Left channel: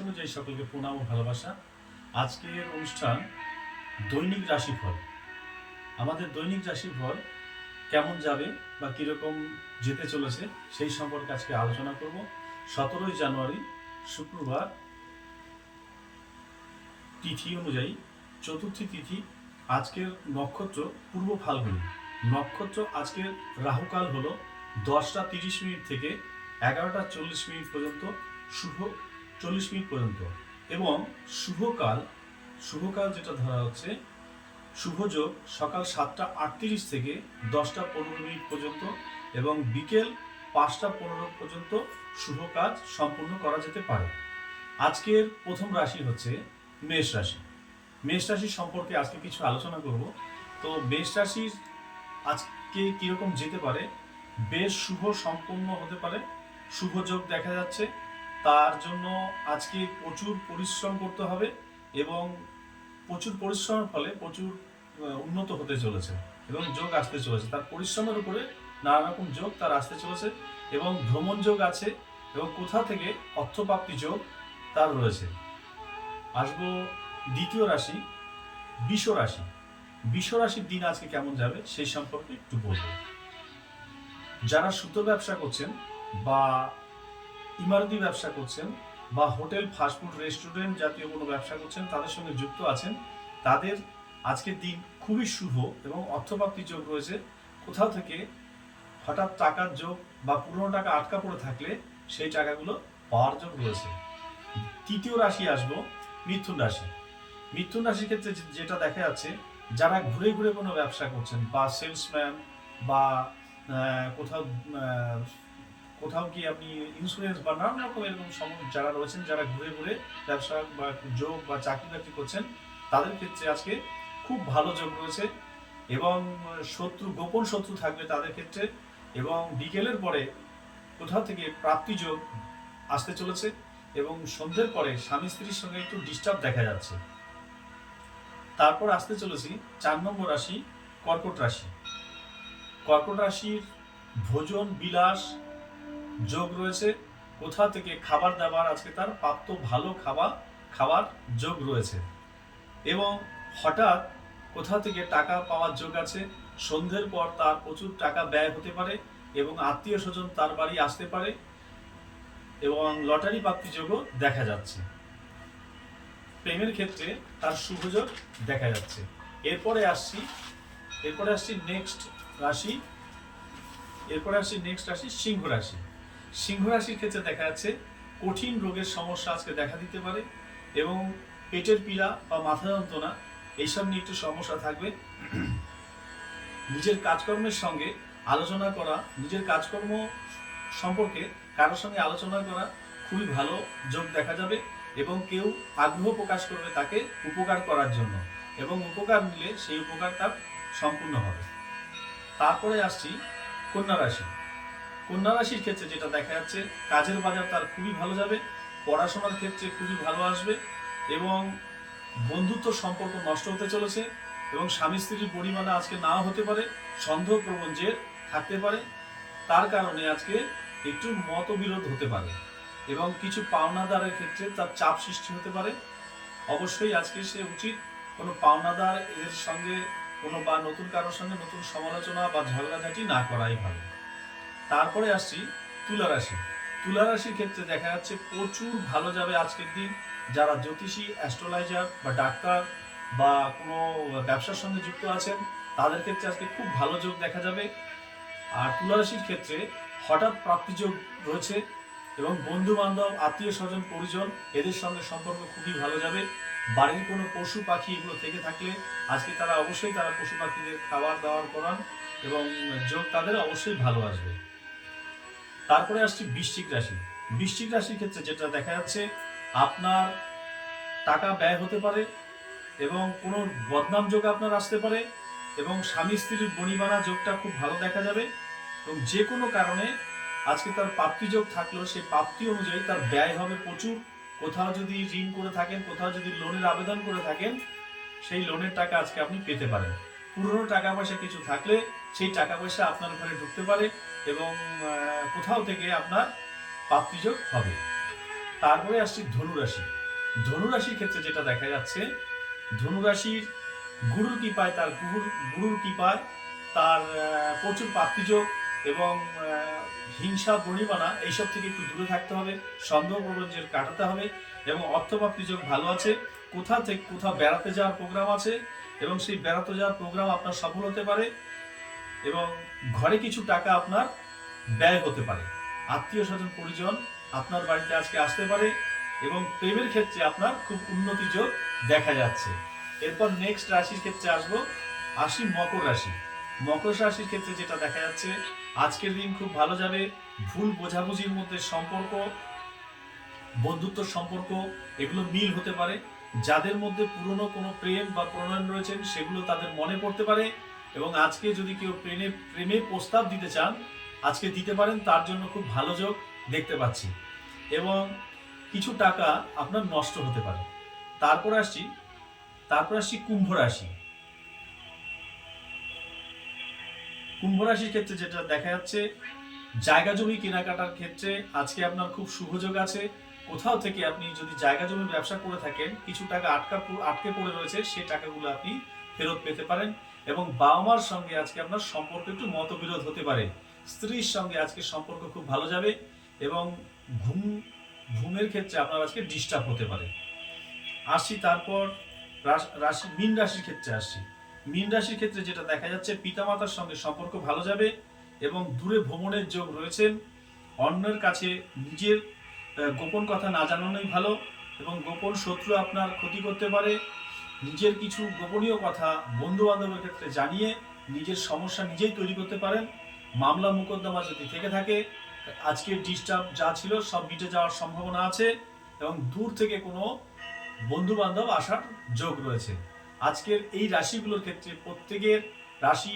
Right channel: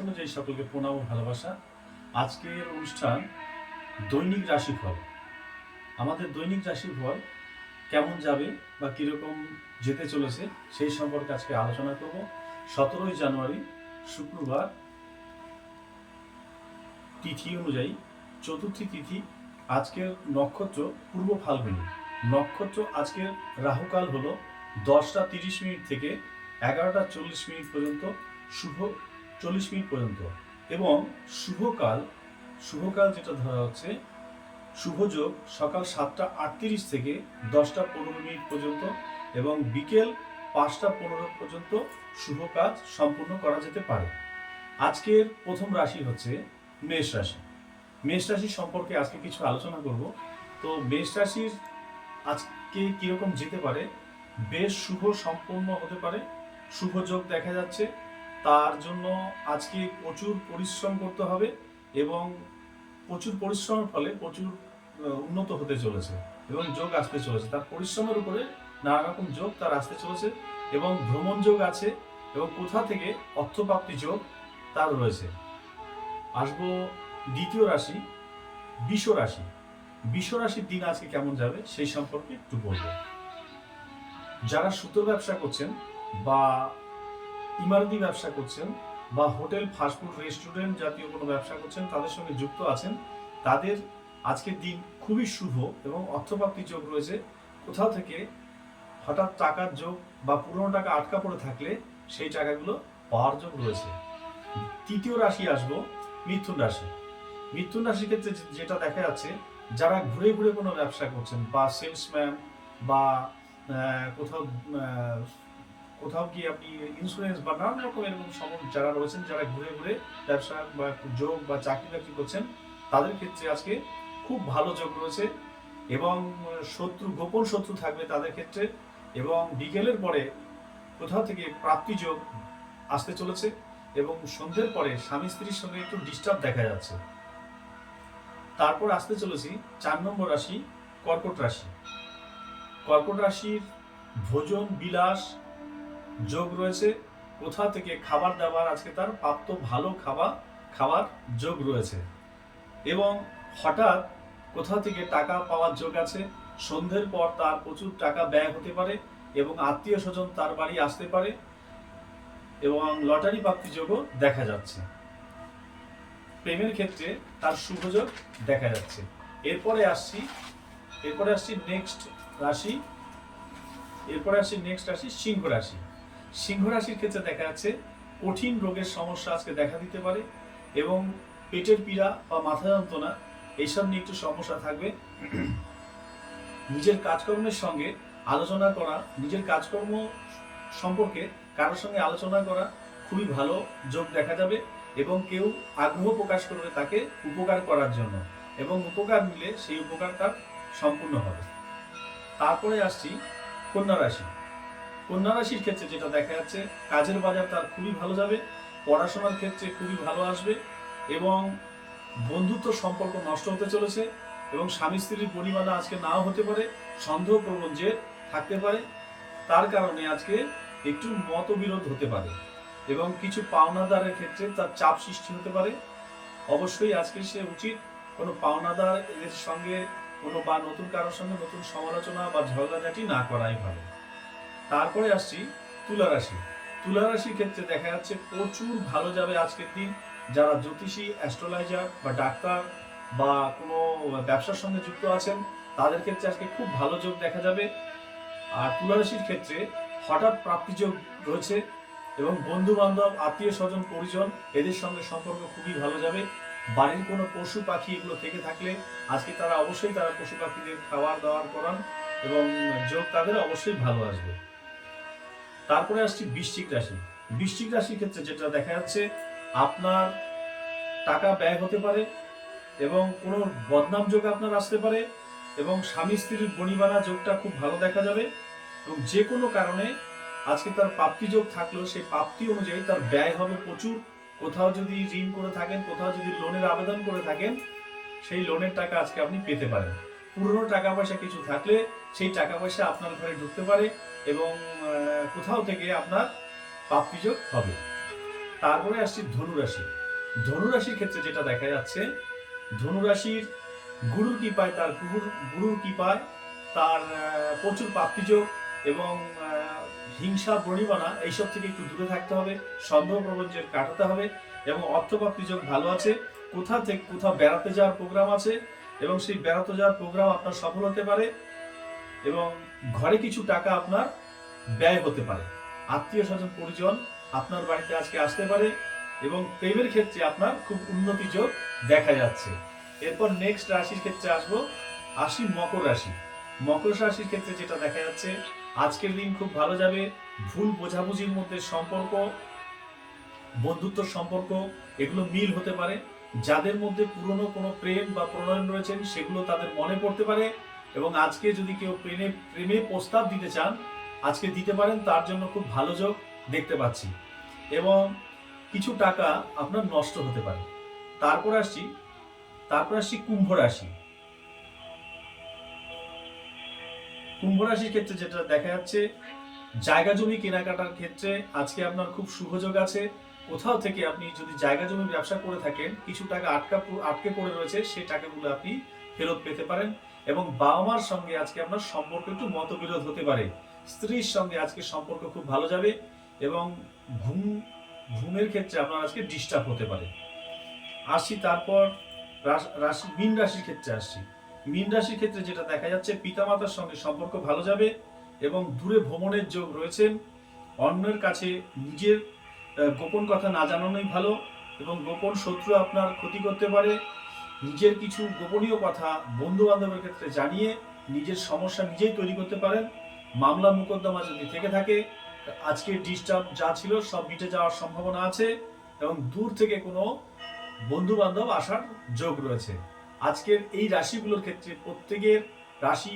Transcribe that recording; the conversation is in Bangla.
অনুযায়ী সকলকে প্রণাম ও ভালোবাসা। আজকের অনুষ্ঠান দৈনিক রাশিফল। আমাদের দৈনিক রাশিফল কেমন যাবে বা কীরকম যেতে চলেছে সেই সম্পর্কে আজকে আলোচনা করব। সতেরোই জানুয়ারি, শুক্রবার, তিথি অনুযায়ী। চতুর্থী তিথি, আজকের নক্ষত্র পূর্ব ফাল্গুনী। নক্ষত্র আজকের রাহুকাল হলো দশটা তিরিশ মিনিট থেকে এগারোটা চল্লিশ মিনিট পর্যন্ত। শুভ চল্লিশ মিনিট পর্যন্ত। এবং শুভকাল শুভকাল যেটা ধরা হচ্ছে শুভযোগ সকাল সাতটা আটত্রিশ থেকে দশটা পনেরো মিনিট পর্যন্ত এবং বিকেল পাঁচটা পনেরো পর্যন্ত শুভ কাজ সম্পূর্ণ করা যেতে পারে। আজকের প্রথম রাশি হচ্ছে মেষ রাশি। মেষ রাশি সম্পর্কে আজকে কিছু আলোচনা করব। তো মেষ রাশির আজকে কীরকম যেতে পারে? বেশ শুভ সম্পন্ন হতে পারে। শুভ যোগ দেখা যাচ্ছে। তার জন্য আজকে প্রচুর পরিশ্রম করতে হবে এবং প্রচুর পরিশ্রমের ফলে প্রচুর উন্নত হতে চলেছে এবং যোগ আসতে চলেছে। তার পরিশ্রমের উপরে নানা রকম যোগ তার আসতে চলেছে এবং ভ্রমণ যোগ আছে এবং কোথা থেকে অর্থপ্রাপ্তি যোগ তার রয়েছে। আসব দ্বিতীয় রাশি, বিষ রাশি। বিষ রাশির দিন আজকে কেমন যাবে সেই সম্পর্কে একটু বলব। যারা সুতো ব্যবসা করছেন বা ইমারতি ব্যবসা করছেন বা হোটেল ফাস্টফুড রেস্টুরেন্ট জাতীয় কোনো ব্যবসা করছেন, তাদের সঙ্গে যুক্ত আছেন। তাদের আজকের দিন খুবই শুভ এবং অর্থপ্রাপ্তি যোগ রয়েছে। কোথাও থেকে হঠাৎ টাকার যোগ বা পুরনো টাকা আটকা পড়ে থাকলে সেই টাকাগুলো পাওয়ার যোগ রয়েছে। তৃতীয় রাশি আসব, মিথুন রাশি। মিথুন রাশির ক্ষেত্রে যেটা দেখা যাচ্ছে, যারা ঘুরে ঘুরে কোনো ব্যবসা করছেন বা সেলসম্যান বা কোথাও কোথাও কি আপনি ইন্স্যুরেন্স বা নানান রকম এরকম সম- যারা রয়েছেন, যারা ঘুরে ঘুরে ব্যবসা বা যোগ বা চাকরি বাকরি করছেন, তাদের ক্ষেত্রে আজকে খুব ভালো যোগ রয়েছে এবং শত্রু, গোপন শত্রু থাকবে তাদের ক্ষেত্রে এবং বিকেলের পরে কোথাও থেকে প্রাপ্তি যোগ আসতে চলেছে এবং সন্ধ্যের পরে স্বামী স্ত্রীর সঙ্গে একটু ডিস্টার্ব দেখা যাচ্ছে। তারপর আসতে চলেছি চার নম্বর রাশি কর্কট রাশি। কর্কট রাশির ভোজন, বিলাস যোগ রয়েছে। কোথা থেকে খাবার দাবার, আজকে তার প্রাপ্ত ভালো খাবার খাবার যোগ রয়েছে। এবং হঠাৎ কোথা থেকে টাকা পাওয়ার যোগ আছে, সন্ধ্যের পর তার প্রচুর টাকা ব্যয় হতে পারে এবং আত্মীয় স্বজন তার বাড়ি আসতে পারে এবং লটারি প্রাপ্তি যোগও দেখা যাচ্ছে। প্রেমের ক্ষেত্রে তার শুভযোগ দেখা যাচ্ছে। এরপরে আসছি এরপরে আসছি নেক্সট রাশি, এরপরে আসছি নেক্সট রাশি, সিংহ রাশি। সিংহ রাশির ক্ষেত্রে দেখা যাচ্ছে কঠিন রোগের সমস্যা আজকে দেখা দিতে পারে এবং পেটের পীড়া বা মাথা যন্ত্রণা, এইসব নিয়ে একটু সমস্যা থাকবে। নিজের কাজকর্মের সঙ্গে আলোচনা করা, নিজের কাজকর্ম সম্পর্কে কারোর সঙ্গে আলোচনা করা খুবই ভালো যোগ দেখা যাবে এবং কেউ আগ্রহ প্রকাশ করবে তাকে উপকার করার জন্য এবং উপকার নিলে সেই উপকার তার সম্পূর্ণ হবে। তারপরে আসছি কন্যা রাশি। কন্যা রাশির ক্ষেত্রে যেটা দেখা যাচ্ছে, কাজের বাজার তার খুবই ভালো যাবে, পড়াশোনার ক্ষেত্রে খুবই ভালো আসবে এবং বন্ধুত্ব সম্পর্ক নষ্ট হতে চলেছে এবং স্বামী স্ত্রীর পরিমাণে আজকে নাও হতে পারে সন্দেহ প্রবণ জের থাকতে পারে। তার কারণে আজকে একটু মতবিরোধ হতে পারে এবং কিছু পাওনাদারের ক্ষেত্রে তার চাপ সৃষ্টি হতে পারে। অবশ্যই আজকে সে উচিত কোনো পাওনাদার এদের সঙ্গে কোনো বা নতুন কারোর সঙ্গে নতুন সমালোচনা বা ঝগড়াঝাটি না করাই ভালো। তারপরে আসছি তুলা রাশি। তুলা রাশির ক্ষেত্রে দেখা যাচ্ছে প্রচুর ভালো যাবে আজকের দিন। যারা জ্যোতিষী অ্যাস্ট্রোলাইজার বা ডাক্তার বা কোনো ব্যবসার সঙ্গে যুক্ত আছেন, তাদের ক্ষেত্রে আজকে খুব ভালো যোগ দেখা যাবে। আর তুলা রাশির ক্ষেত্রে হঠাৎ প্রাপ্তি যোগ রয়েছে এবং বন্ধু বান্ধব আত্মীয় স্বজন, পরিজন এদের সঙ্গে সম্পর্ক খুবই ভালো যাবে। বাড়ির কোনো পশু পাখি এগুলো থেকে থাকলে আজকে তারা অবশ্যই তারা পশু পাখিদের খাবার দাবার করান এবং যোগ তাদের অবশ্যই ভালো আসবে। তারপরে আসছি বৃশ্চিক রাশি। বৃশ্চিক রাশির ক্ষেত্রে যেটা দেখা যাচ্ছে, আপনার টাকা ব্যয় হতে পারে এবং কোনো বদনাম যোগ আপনার আসতে পারে এবং স্বামী স্ত্রীর বনিবানা যোগটা খুব ভালো দেখা যাবে এবং যে কোনো কারণে আজকে তার প্রাপ্তি যোগ থাকলেও সেই প্রাপ্তি অনুযায়ী তার ব্যয় হবে প্রচুর। কোথাও যদি ঋণ করে থাকেন, কোথাও যদি লোনের আবেদন করে থাকেন, সেই লোনের টাকা আজকে আপনি পেতে পারেন। পুরনো টাকা পয়সা কিছু থাকলে সেই টাকা পয়সা আপনার ঘরে ঢুকতে পারে এবং কোথাও থেকে আপনার প্রাপ্তিযোগ হবে। তারপরে আসছি ধনুরাশি ধনুরাশির ক্ষেত্রে যেটা দেখা যাচ্ছে ধনুরাশির গুরুর কৃপায় তার গুরুর গুরুর কৃপায় তার প্রচুর প্রাপ্তিযোগ এবং হিংসা, বনিবানা এইসব থেকে একটু দূরে থাকতে হবে, সন্দেহ প্রবঞ্চের কাটাতে হবে এবং অর্থপ্রাপ্তি যোগ ভালো আছে। কোথাও থেকে কোথাও বেড়াতে যাওয়ার প্রোগ্রাম আছে এবং সেই বেড়াতে যাওয়ার প্রোগ্রাম আপনার সফল হতে পারে এবং ঘরে কিছু টাকা আপনার ব্যয় হতে পারে। আত্মীয় স্বজন, পরিজন আপনার বাড়িতে আজকে আসতে পারে এবং প্রেমের ক্ষেত্রে আপনার খুব উন্নতি যোগ দেখা যাচ্ছে। এরপর নেক্সট রাশির ক্ষেত্রে আসব আসি মকর রাশি। মকর রাশির ক্ষেত্রে যেটা দেখা যাচ্ছে, আজকের দিন খুব ভালো যাবে, ভুল বোঝাবুঝির মধ্যে সম্পর্ক, বন্ধুত্ব সম্পর্ক, এগুলো মিল হতে পারে। যাদের মধ্যে পুরনো কোনো প্রেম বা প্রণয়ন রয়েছেন সেগুলো তাদের মনে পড়তে পারে এবং আজকে যদি কেউ প্রেমে প্রেমে প্রস্তাব দিতে চান, আজকে দিতে পারেন, তার জন্য খুব ভালো যোগ দেখতে পাচ্ছি। এবং কিছু টাকা আপনার নষ্ট হতে পারে। তারপর আসছি তারপর আসছি কুম্ভ রাশি। কুম্ভ রাশির ক্ষেত্রে যেটা দেখা যাচ্ছে, জায়গা জমি কেনাকাটার ক্ষেত্রে আজকে আপনার খুব শুভযোগ আছে। কোথাও থেকে আপনি যদি জায়গা জমি ব্যবসা করে থাকেন, কিছু টাকা আটকা আটকে পড়ে রয়েছে, সেই টাকাগুলো আপনি ফেরত পেতে পারেন এবং বাবা মার সঙ্গে আজকে আপনার সম্পর্ক একটু মতবিরোধ হতে পারে। স্ত্রীর সঙ্গে আজকে সম্পর্ক খুব ভালো যাবে এবং ঘুম, ঘুমের ক্ষেত্রে আপনার আজকে ডিস্টার্ব হতে পারে। আসছি তারপর রাশ- মীন রাশির ক্ষেত্রে আসছি মীন রাশির ক্ষেত্রে যেটা দেখা যাচ্ছে, পিতামাতার সঙ্গে সম্পর্ক ভালো যাবে এবং দূরে ভ্রমণের যোগ রয়েছেন। অন্যের কাছে নিজের গোপন কথা না জানানোই ভালো এবং গোপন শত্রু আপনার ক্ষতি করতে পারে। নিজের কিছু গোপনীয় কথা বন্ধু বান্ধবের ক্ষেত্রে জানিয়ে নিজের সমস্যা নিজেই তৈরি করতে পারেন। মামলা মোকদ্দমা যদি থেকে থাকে আজকের ডিস্টার্ব যা ছিল সব মিটে যাওয়ার সম্ভাবনা আছে এবং দূর থেকে কোনো বন্ধু বান্ধব আসার যোগ রয়েছে। আজকের এই রাশিগুলোর ক্ষেত্রে প্রত্যেকের রাশি